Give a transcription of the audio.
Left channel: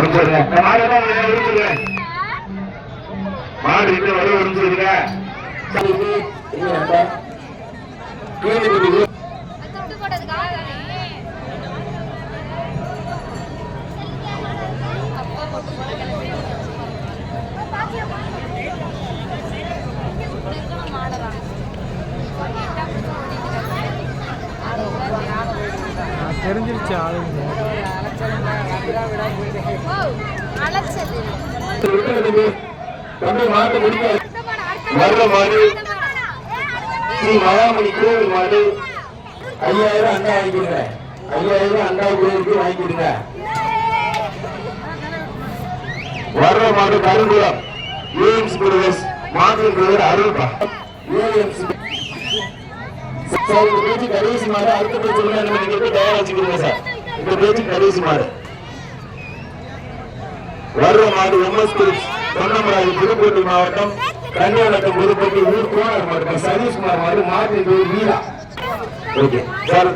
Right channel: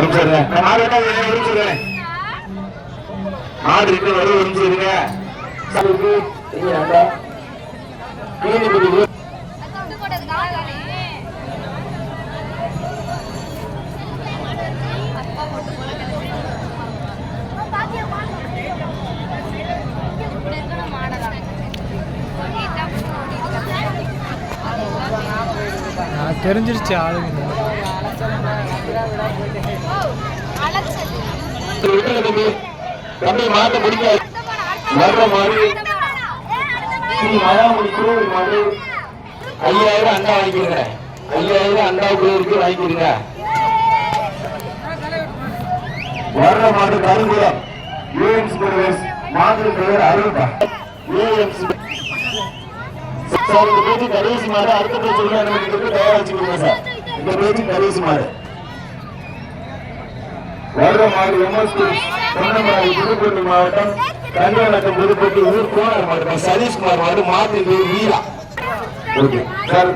மாடு வேணா ஒரு நிமிஷம் தெரிஞ்சிருச்சு மாடு ஐயாயிரம் அண்டா வாங்கி ஐயாயிரம் அண்டா கோவிலுக்கு வாங்கி கொடுங்க வர்ற மாடு கருங்குளம் ஏஎம்ஸ் பிரதர்ஸ் மாற்று பிரதர் அருள்பா ஏஎம்ஸ் சார் இந்த பேச்சு கடைசி மாடு அடுத்த பேச்சு நமக்கு தயார் வச்சுக்கிறீங்க சார் இந்த பேச்சு கடைசி மாடு வர்ற மாடு எம்எஸ் பொன்னமராவதி திருப்பதி மாவட்டம் கன்னியாகுமரி திருப்பதி ஊர் கோணர் மாவட்டம் சதீஷ்குமார் மாடு மாட்டு பேர் வீரா ஓகே சார்